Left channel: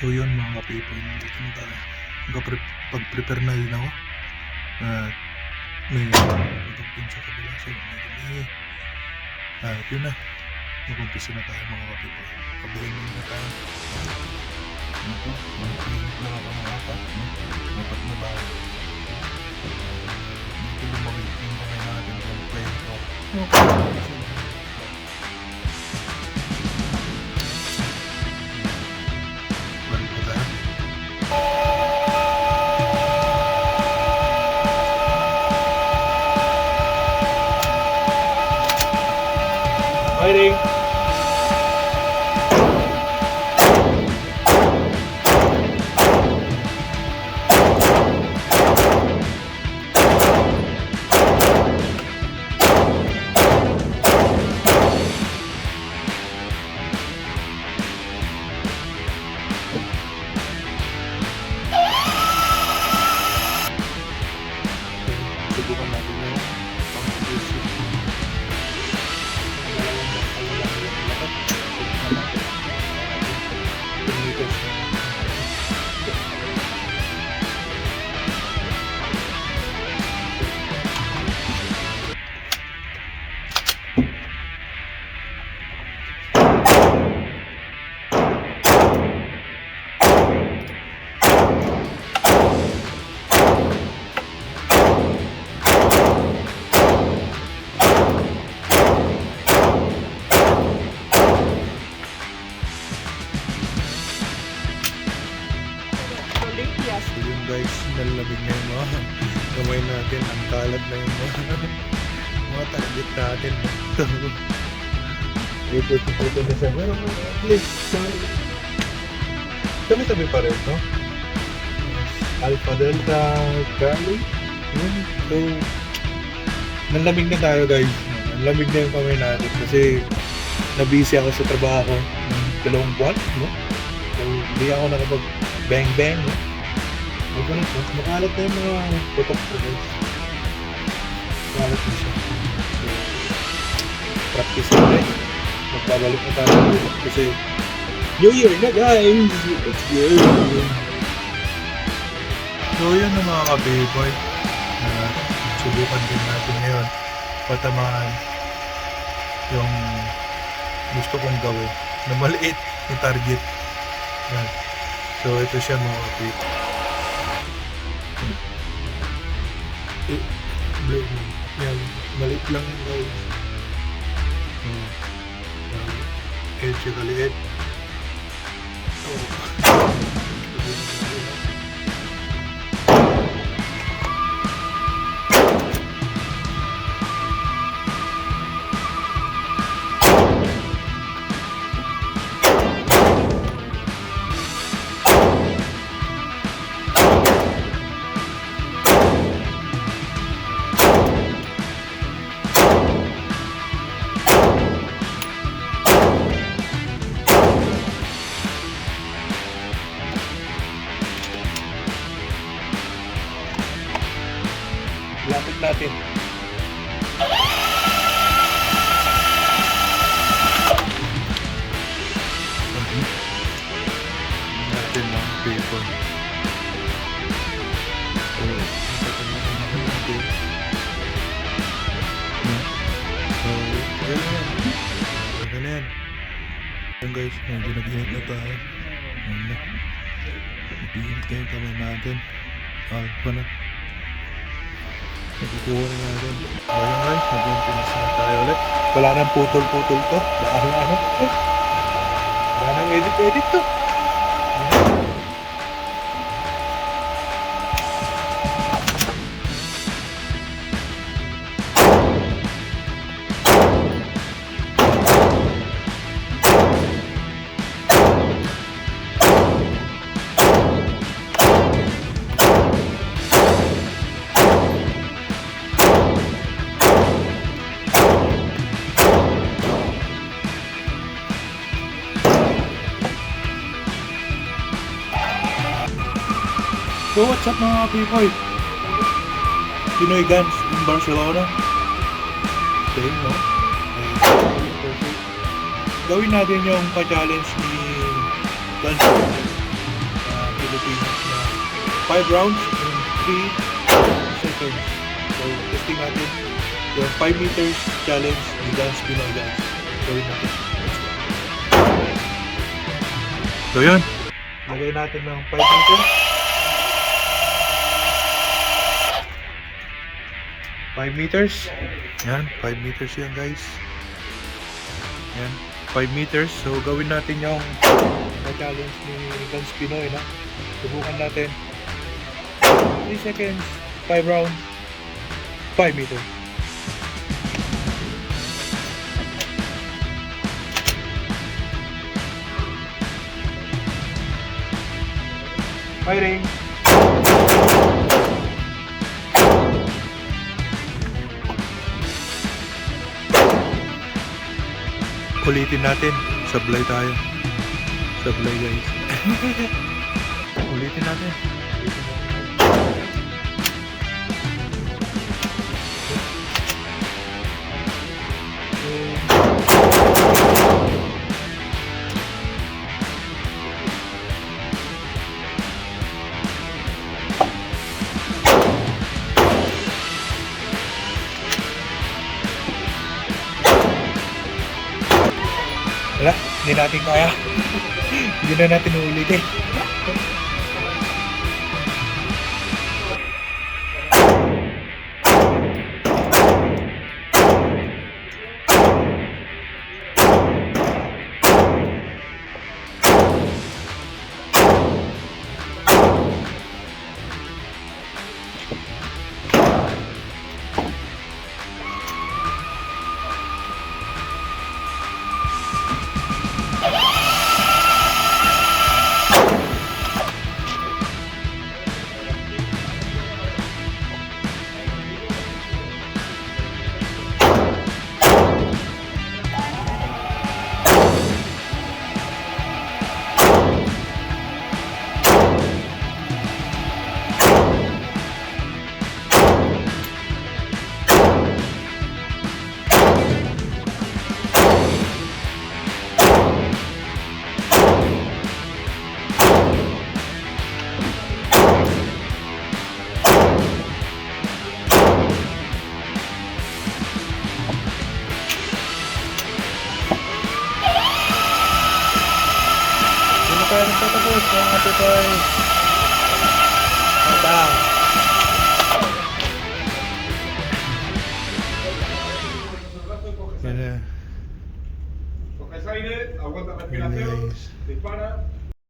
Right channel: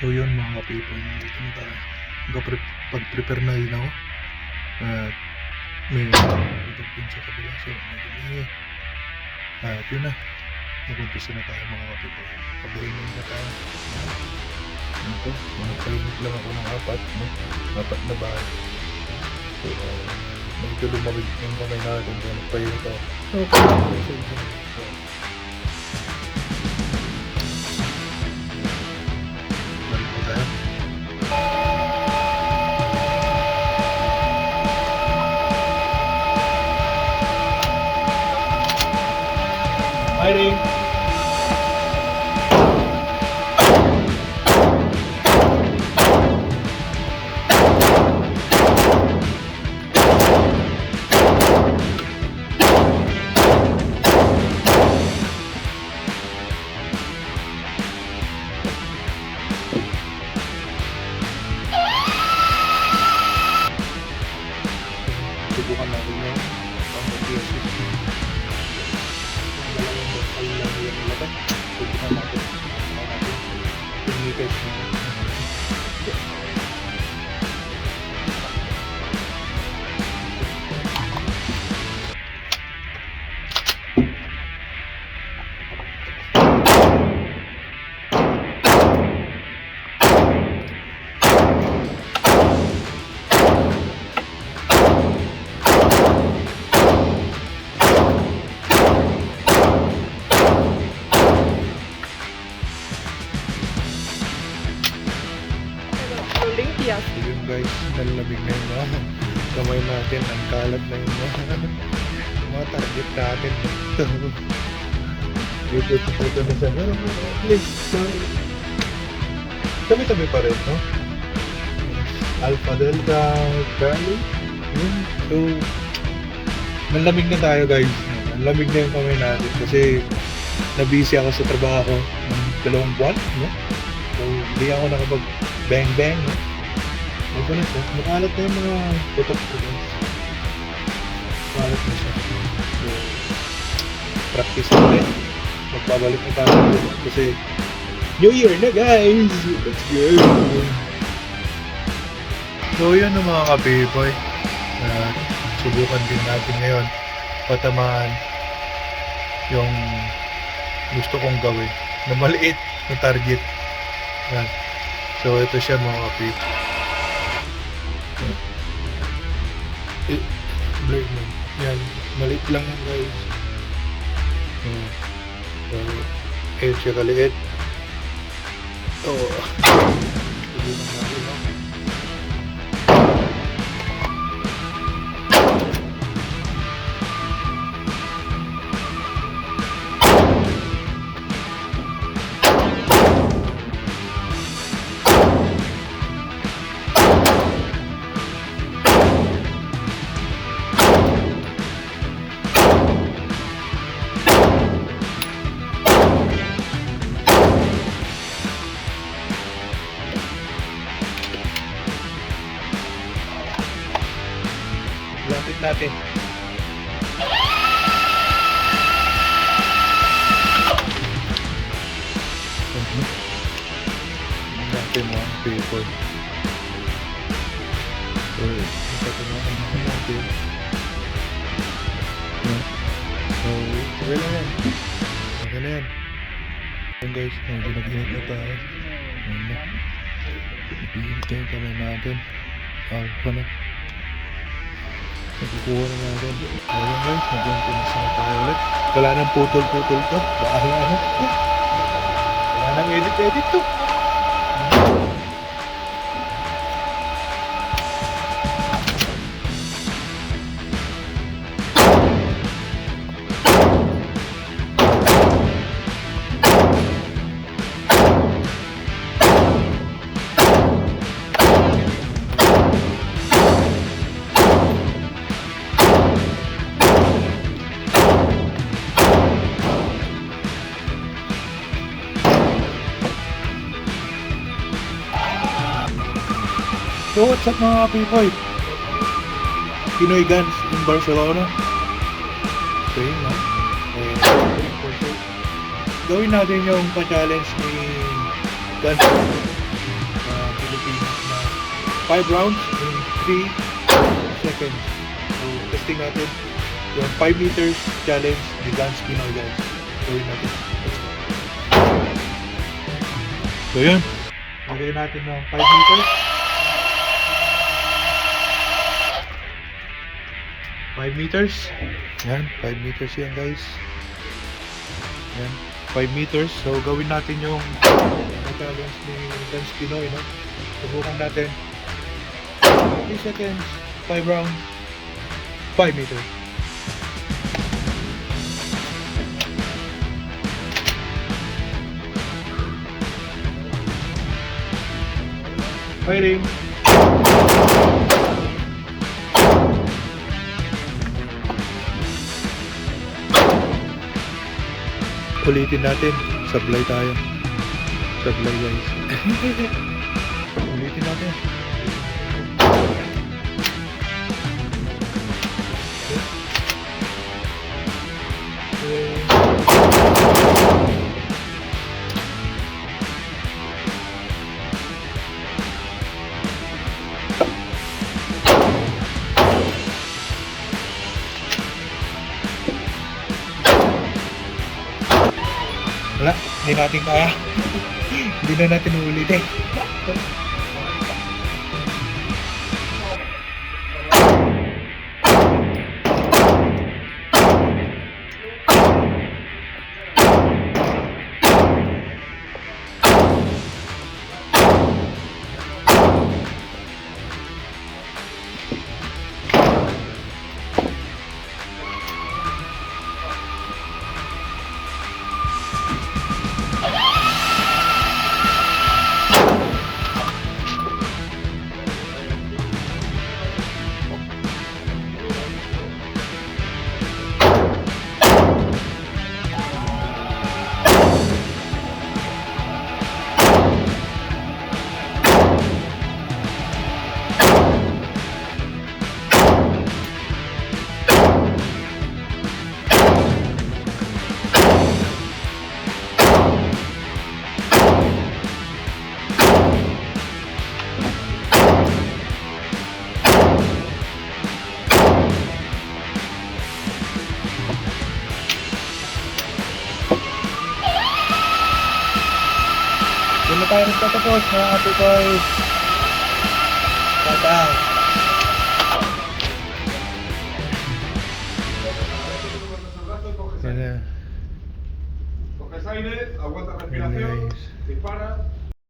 So yun mga ka-people, dito na tayo. Pag-prepare na din ako. At may putok din sa kabila. So may at yun na. Mag-umpisa na tayo mga ka-people. Pabuhin na tayo. Ito, magpalimit lang ako ng apat. Apat na bahay. So medyo lumawid yung kamay natin. Magpayin ka. Okay. Fighting! Subukan natin yung pang-aggressive. Olympias. So yun guys, nalamig na yung mga kamay natin. Ang kalat na yung mga target natin. Ito na siya. Pero at least, tabi-tabi pa rin, no? Alpha, Delta, Charlie. Yun. So, nalamig na tayo guys. Nalamig na yung kamay natin kasi na-busy ako sa trabaho ng 2 buwan, no? So, hindi ako nakapag bang-bang, no? May ganun po. Makalat na yung mga putok ko, guys. Makalat na siya. So, practice ulit. Magbabalik na tayo kasi New Year na, guys! Let's go! So, yun ang mga ka-Payboy. Subukan din natin ngayon patamaan yung gusto kong gawin na maliit na target. Yan. So, ito siya mga ka-Payboy. Blade mo. Yan. Maliit lang yan guys. So, edge siya kaliit. So, subukan natin, no? Lapit natin. Natin ng paper. So, nakatanakan natin. So, okay na yan. Okay na yan. Yan guys, medyo nag-init na tayo. Yan na. Nag-init na yung kamay natin. Alpha na. Nakukuha na natin. Ayun guys, mag-umpisa na tayo ulit. Wala nang putol-putol to. Bahala na. Wala nang edit-edit to. So what's up mga people? Pinoy Guns in Barcelona. So yun, no? Gawin natin yung pa-challenge ni Guns. 5 rounds in 3 seconds. So, testing natin yung 5 meters challenge ni Lance Pinoy, guys. Gawin natin. Let's go. So, yun. Lagay natin ng 5 meters. 5 meters. Yan, 5 meters yan, guys. Yan, 5 meters. So, gawin natin yung challenge ni Lance Pinoy, no? Subukan natin. 3 seconds, 5 round, 5 meters. Fighting! Ulitin natin. Sablay tayo. Sablay, guys. Ulitin natin. Wala, hindi natin kaya. Hindi na natin uulitin. Hindi na tayo nagtatapos mga atutoy. Tatang. Yan na. Porque ese aire aguanta Yan, respiración, guys. dispara.